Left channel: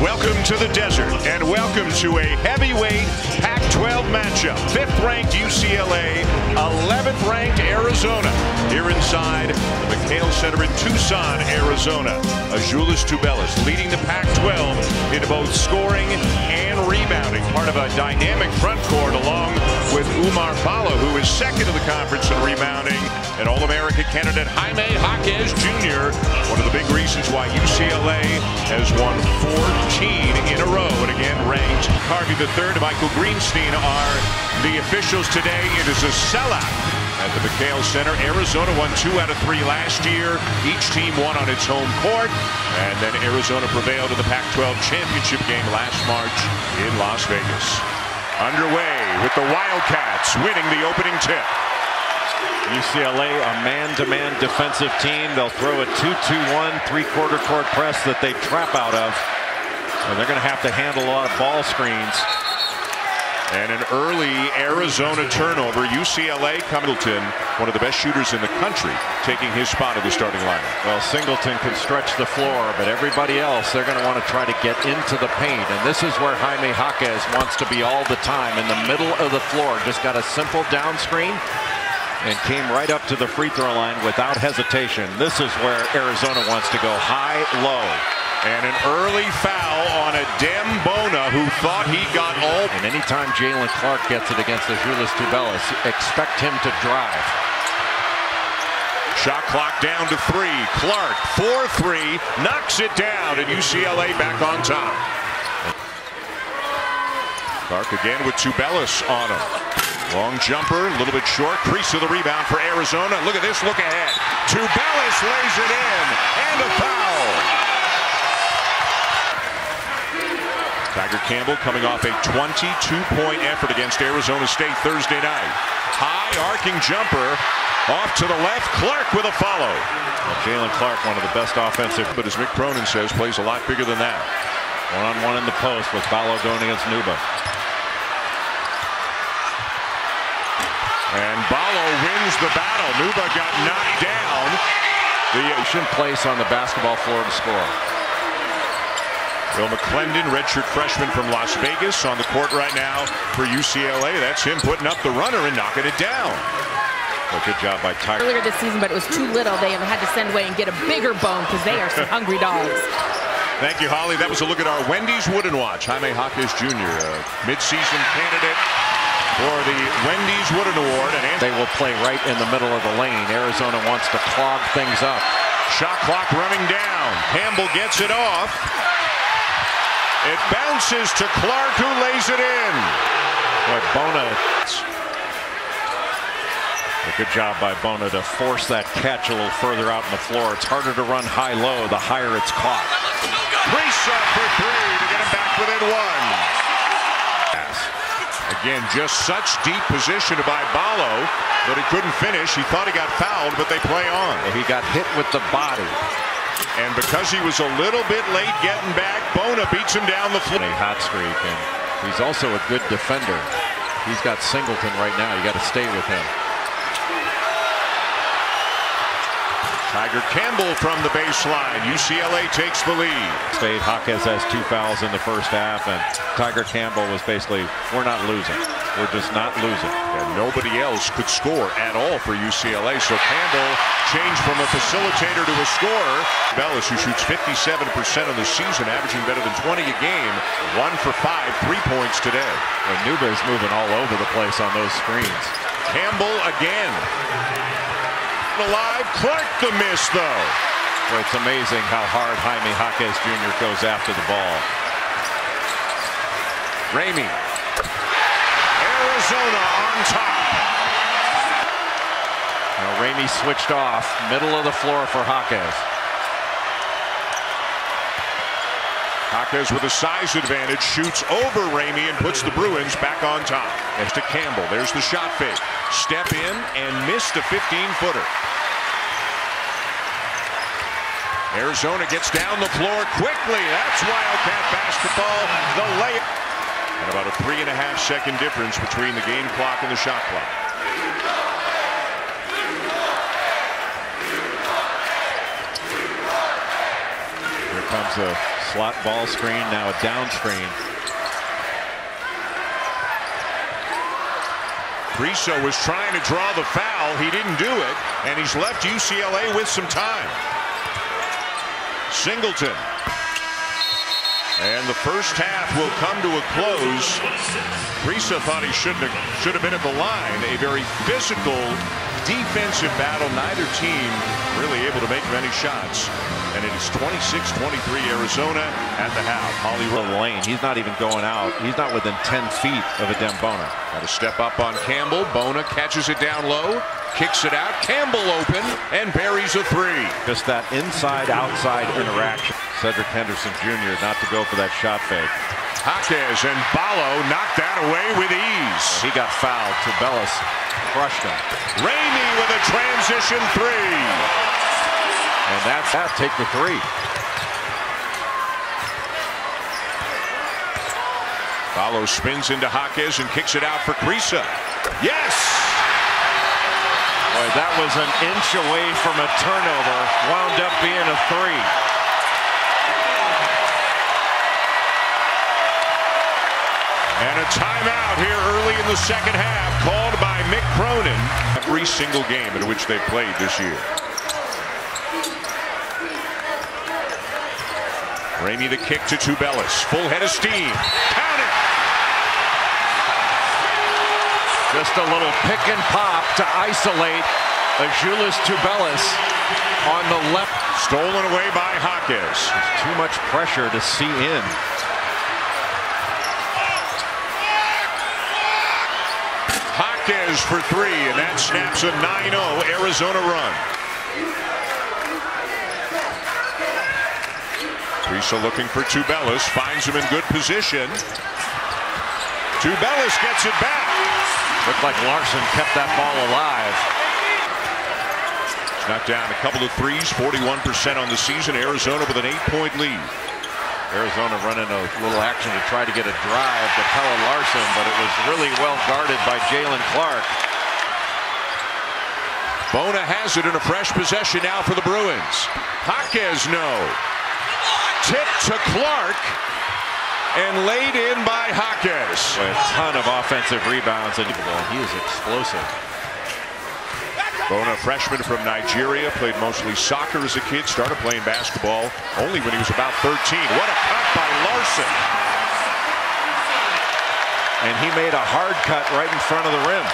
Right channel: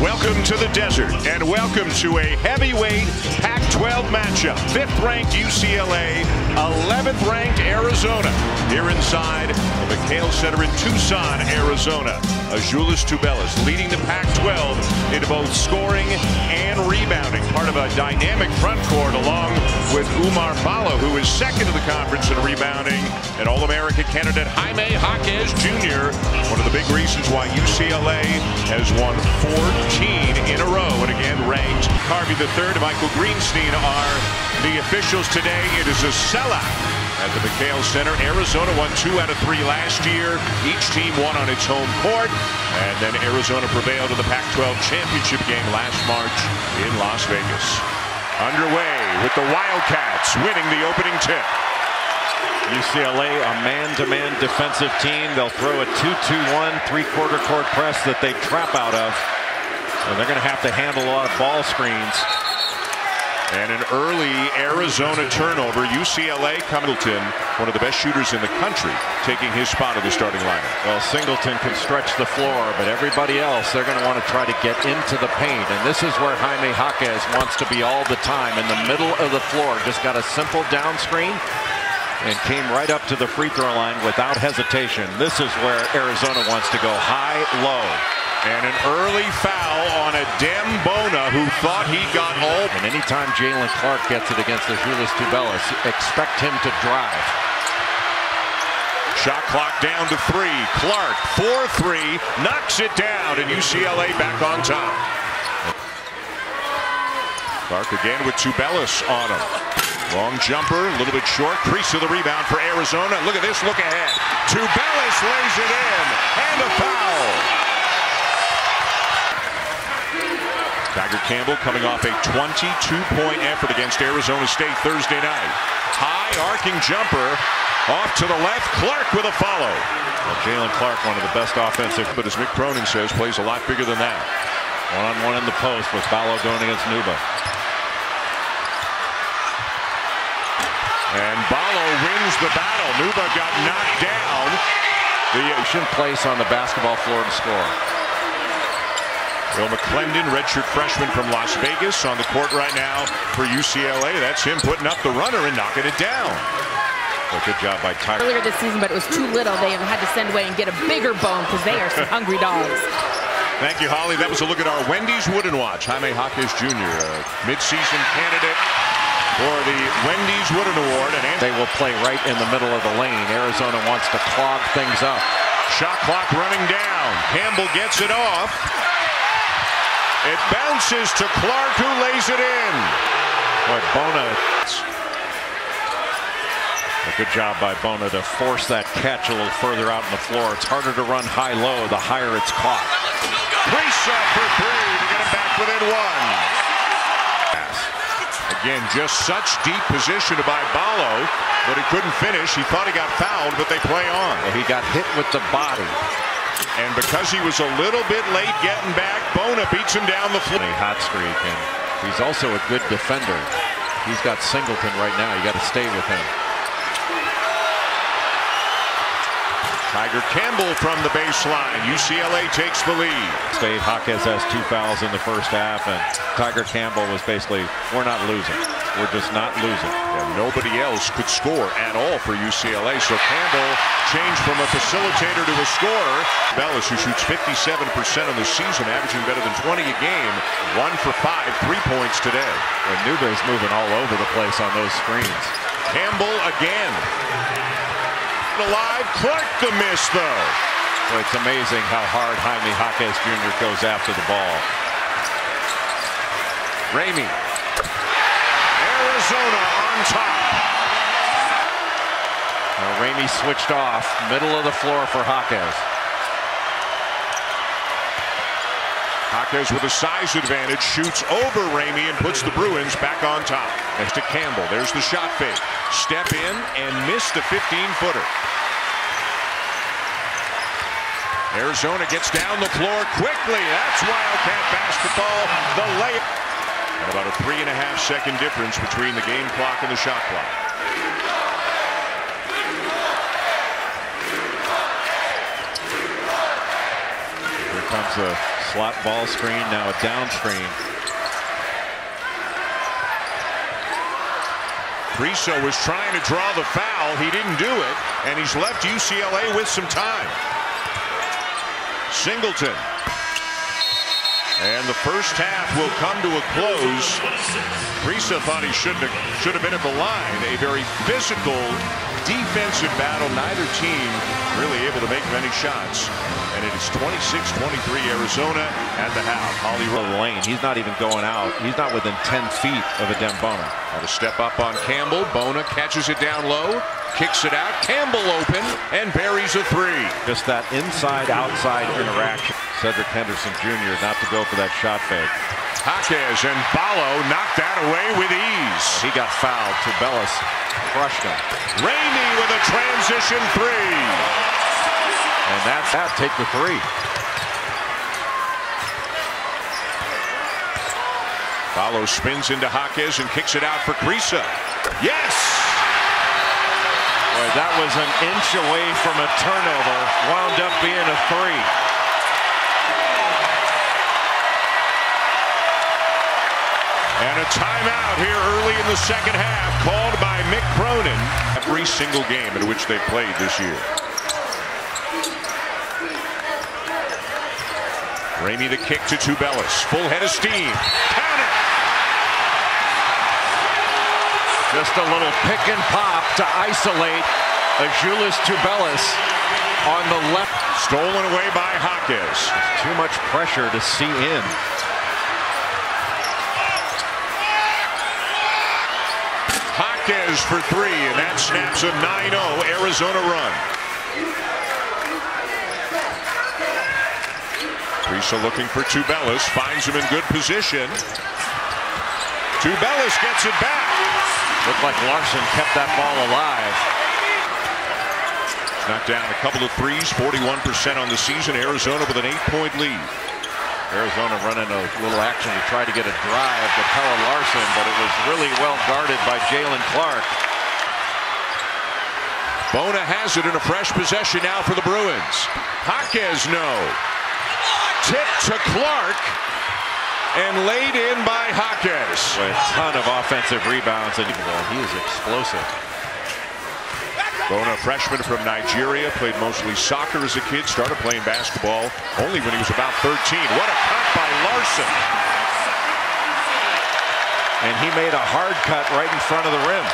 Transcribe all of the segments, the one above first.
Welcome to the desert, and welcome to a heavyweight Pac-12 matchup. 5th-ranked UCLA, 11th-ranked Arizona. Here inside the McHale Center in Tucson, Arizona. Azuolas Tubelis leading the Pac-12 into both scoring and rebounding. Part of a dynamic front court along with Oumar Ballo, who is second in the conference in rebounding, and All-America candidate Jaime Jaquez Jr. One of the big reasons why UCLA has won 14 in a row and again ranked. Harvey III and Michael Greenstein are the officials today. It is a sellout at the McHale Center. Arizona won 2 out of 3 last year. Each team won on its home court. And then Arizona prevailed in the Pac-12 championship game last March in Las Vegas. Underway with the Wildcats winning the opening tip. UCLA, a man-to-man defensive team. They'll throw a 2-2-1 3-quarter court press that they trap out of. And they're going to have to handle a lot of ball screens. And an early Arizona turnover. UCLA, Singleton, one of the best shooters in the country, taking his spot in the starting lineup. Well, Singleton can stretch the floor, but everybody else, they're going to want to try to get into the paint. And this is where Jaime Jaquez wants to be all the time, in the middle of the floor. Just got a simple down screen and came right up to the free throw line without hesitation. This is where Arizona wants to go high, low. And an early foul on Adem Bona, who thought he got all. And anytime Jalen Clark gets it against Azuolas Tubelis, expect him to drive. Shot clock down to 3. Clark, 4-3, knocks it down, and UCLA back on top. Clark again with Tubelis on him. Long jumper, a little bit short. Crease of the rebound for Arizona. Look at this, look ahead. Tubelis lays it in, and a foul. Tiger Campbell coming off a 22-point effort against Arizona State Thursday night. High arcing jumper off to the left. Clark with a follow. Well, Jalen Clark, one of the best offensive, but as Mick Cronin says, plays a lot bigger than that. One-on-one in the post with Ballo going against Nuba. And Ballo wins the battle. Nuba got knocked down. The place on the basketball floor to score. Will McClendon, redshirt freshman from Las Vegas, on the court right now for UCLA. That's him putting up the runner and knocking it down. Well, good job by Tiger. Earlier this season, but it was too little. They have had to send away and get a bigger bone because they are some hungry dogs. Thank you, Holly. That was a look at our Wendy's Wooden Watch. Jaime Jaquez Jr., a midseason candidate for the Wendy's Wooden Award. And they will play right in the middle of the lane. Arizona wants to clog things up. Shot clock running down. Campbell gets it off. It bounces to Clark, who lays it in. But Bona. A good job by Bona to force that catch a little further out on the floor. It's harder to run high-low the higher it's caught. Priest for 3 to get him back within 1. Again, just such deep position by Ballo, but he couldn't finish. He thought he got fouled, but they play on. Well, he got hit with the body. And because he was a little bit late getting back, Bona beats him down the floor. A hot streak, and he's also a good defender. He's got Singleton right now. You got to stay with him. Tiger Campbell from the baseline. UCLA takes the lead. State Jaquez has 2 fouls in the first half, and Tiger Campbell was basically, we're not losing. We're just not losing. And nobody else could score at all for UCLA. So Campbell changed from a facilitator to a scorer. Bellis, who shoots 57% on the season, averaging better than 20 a game. 1 for 5, 3 points today. Well, Nuba is moving all over the place on those screens. Campbell again. Alive. Clark the miss, though. Well, it's amazing how hard Jaime Jaquez Jr. goes after the ball. Ramey. Arizona on top. Now Ramey switched off, middle of the floor for Jaquez. Jaquez with a size advantage shoots over Ramey and puts the Bruins back on top. Next to Campbell. There's the shot fake. Step in and missed a 15-footer. Arizona gets down the floor quickly. That's Wildcat basketball. The layup. And about a 3.5-second difference between the game clock and the shot clock. comes a slot ball screen, now a down screen. Kriisa was trying to draw the foul. He didn't do it, and he's left UCLA with some time. Singleton. And the first half will come to a close. Kriisa thought he should have been at the line. A very physical defensive battle. Neither team really able to make many shots. And it is 26-23 Arizona at the half. Hollywood lane. He's not even going out. He's not within 10 feet of Adem Bona. Got to step up on Campbell. Bona catches it down low. Kicks it out. Campbell open and buries a three. Just that inside-outside interaction. Cedric Henderson Jr. not to go for that shot fake. Jaquez and Ballo knocked that away with ease. He got fouled. Tubelis crushed him. Ramey with a transition three. And that's that. Take the three. Ballo spins into Jaquez and kicks it out for Kriisa. Yes! Boy, that was an inch away from a turnover. Wound up being a three. And a timeout here early in the second half called by Mick Cronin. Every single game in which they played this year. Ramey the kick to Tubelis. Full head of steam. Count it! Just a little pick and pop to isolate Azuolas Tubelis on the left. Stolen away by Jaquez. There's too much pressure to see in. Jaquez for three, and that snaps a 9-0 Arizona run. Kriisa looking for Tubelis, finds him in good position. Tubelis gets it back. Looked like Larson kept that ball alive. He's knocked down a couple of threes, 41% on the season. Arizona with an 8-point lead. Arizona running a little action to try to get a drive to Pelle Larsson, but it was really well guarded by Jalen Clark. Bona has it in a fresh possession now for the Bruins. Jaquez no. Tip to Clark and laid in by Jaquez. A ton of offensive rebounds, and he is explosive. Bona, freshman from Nigeria, played mostly soccer as a kid, started playing basketball only when he was about 13. What a cut by Larson. And he made a hard cut right in front of the rim.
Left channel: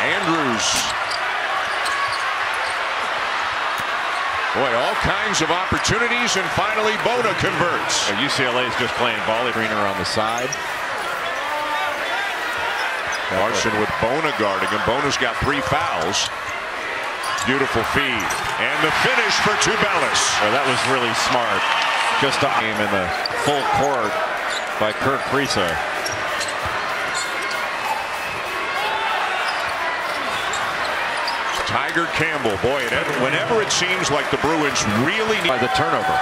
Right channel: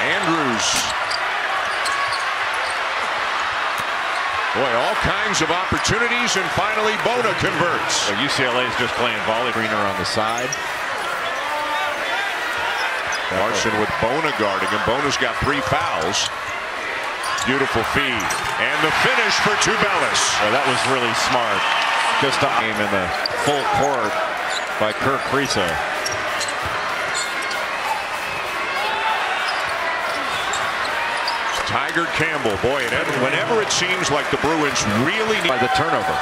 Andrews. Boy, all kinds of opportunities, and finally Bona converts. Well, UCLA is just playing volley. Greener on the side. Larson with Bona guarding him. Bona's got 3 fouls. Beautiful feed. And the finish for Tubelis. Well, that was really smart. Just to aim in the full court by Kerr Kriisa. Tiger Campbell, boy, whenever it seems like the Bruins really need... By the turnover.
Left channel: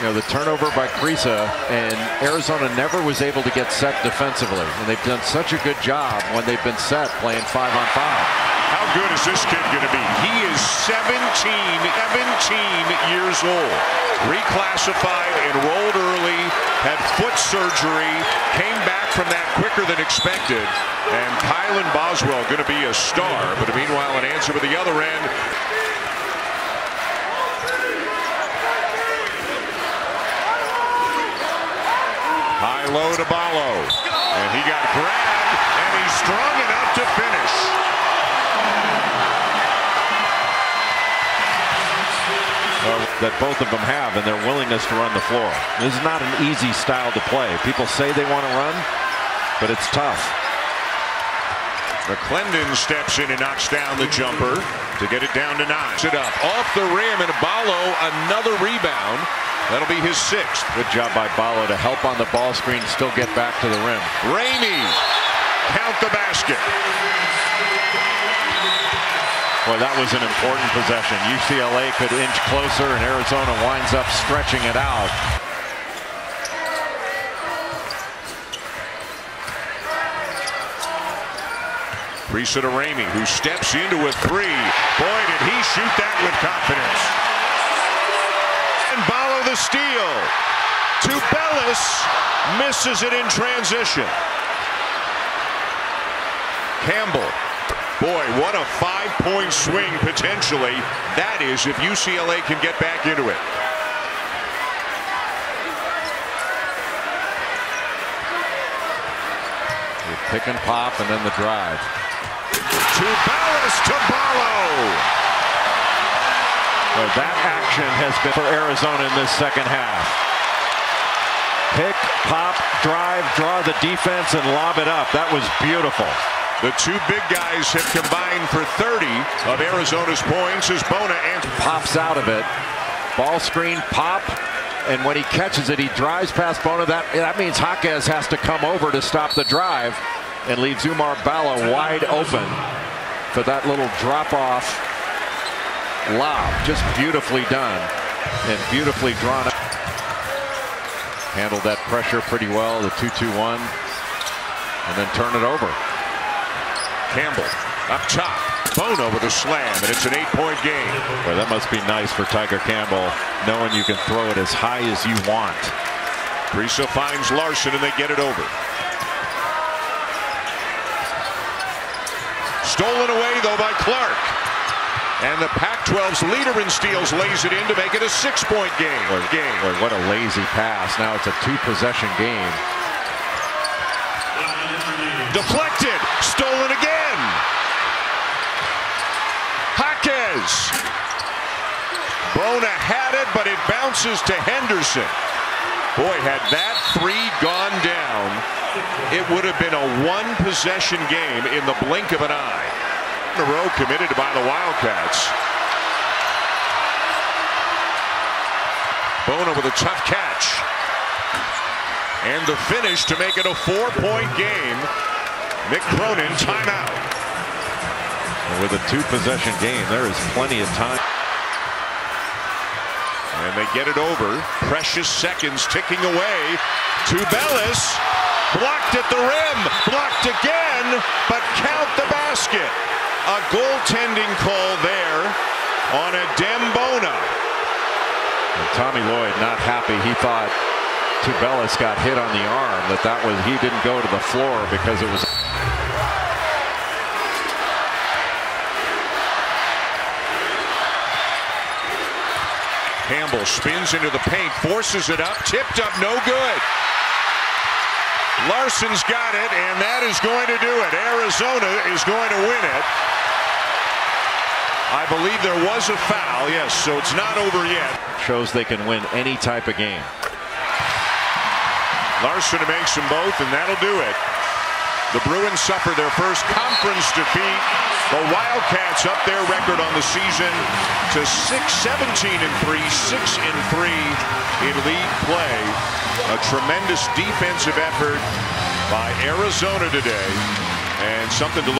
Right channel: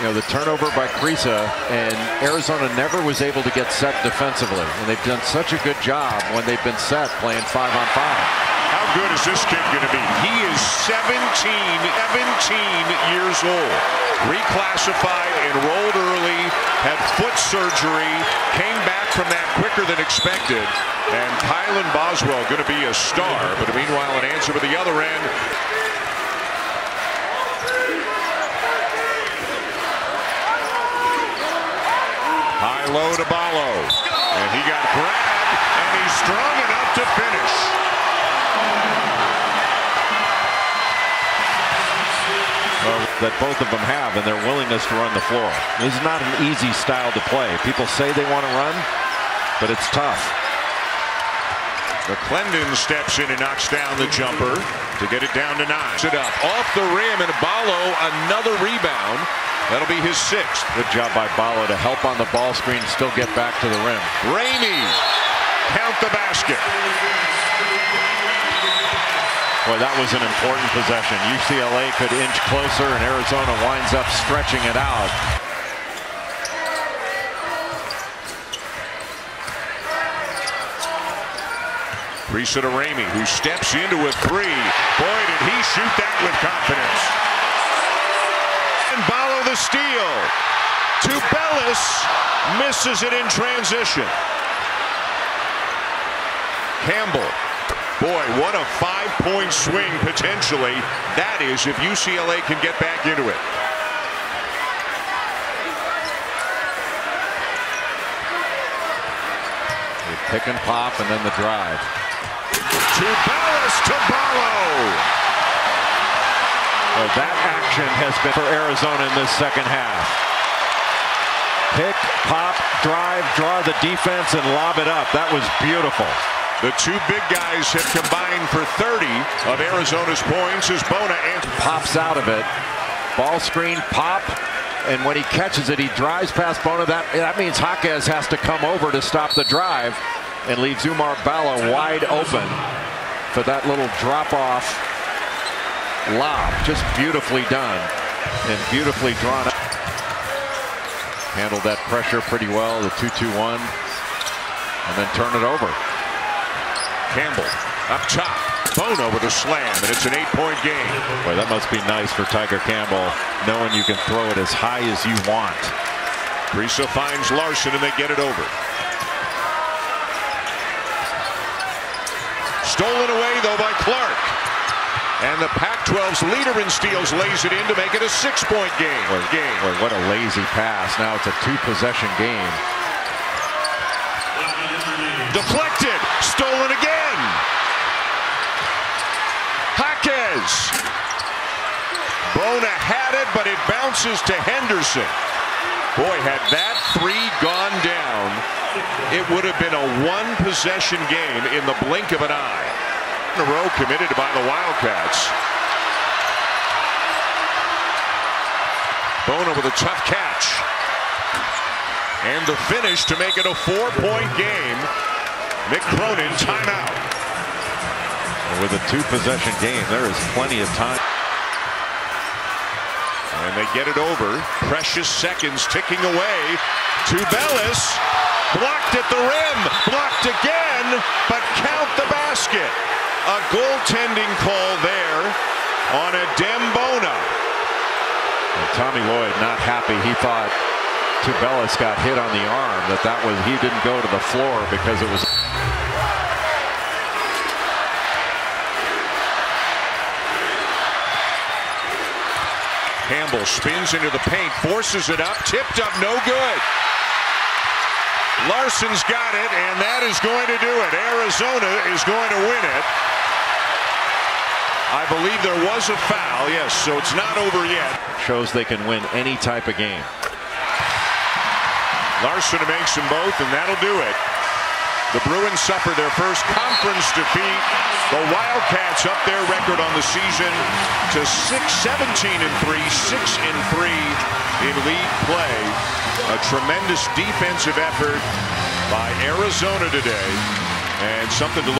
You know, the turnover by Kriisa, and Arizona never was able to get set defensively. And they've done such a good job when they've been set playing 5-on-5. How good is this kid going to be? He is 17 years old. Reclassified, enrolled early, had foot surgery, came back from that quicker than expected. And Kylan Boswell going to be a star. But meanwhile, an answer for the other end. High low to Ballo. And he got grabbed, and he's strong enough to finish. That both of them have, and their willingness to run the floor. This is not an easy style to play. People say they want to run, but it's tough. McClendon steps in and knocks down the jumper to get it down to 9. Sit up off the rim, and Ballo another rebound. That'll be his 6th. Good job by Ballo to help on the ball screen, still get back to the rim. Ramey, count the basket. Boy, that was an important possession. UCLA could inch closer, and Arizona winds up stretching it out. Kriisa to Ramey, who steps into a 3. Boy, did he shoot that with confidence. And Ballo Bono the steal. Tubelis misses it in transition. Campbell. Boy, what a 5-point swing potentially. That is if UCLA can get back into it. Pick and pop and then the drive. Tubelis to Ballo. Well, that action has been for Arizona in this second half. Pick, pop, drive, draw the defense and lob it up. That was beautiful. The two big guys have combined for 30 of Arizona's points as Bona pops out of it. Ball screen, pop, and when he catches it, he drives past Bona. That means Jaquez has to come over to stop the drive and leaves Oumar Ballo wide open for that little drop-off lob. Just beautifully done and beautifully drawn up. Handled that pressure pretty well, the 2-2-1, and then turn it over. Campbell up top. Bono with a slam, and it's an 8-point game. Boy, that must be nice for Tiger Campbell, knowing you can throw it as high as you want. Priso finds Larson, and they get it over. Stolen away, though, by Clark. And the Pac-12's leader in steals lays it in to make it a 6-point game. Boy, what a lazy pass. Now it's a 2-possession game. Deflected. Stolen again. Jaquez. Bona had it, but it bounces to Henderson. Boy, had that 3 gone down, it would have been a 1-possession game in the blink of an eye. In a row committed by the Wildcats. Bona with a tough catch. And the finish to make it a 4-point game. Mick Cronin, timeout. With a 2-possession game, there is plenty of time. And they get it over. Precious seconds ticking away. Tubelis blocked at the rim. Blocked again, but count the basket. A goaltending call there on Adem Bona. And Tommy Lloyd not happy. He thought Tubelis got hit on the arm. He didn't go to the floor because it was. Campbell spins into the paint, forces it up, tipped up, no good. Larson's got it, and that is going to do it. Arizona is going to win it. I believe there was a foul, yes, so it's not over yet. Shows they can win any type of game. Larson makes them both, and that'll do it. The Bruins suffer their first conference defeat. The Wildcats up their record on the season to 17-3, 6-3 in league play. A tremendous defensive effort by Arizona today, and something to look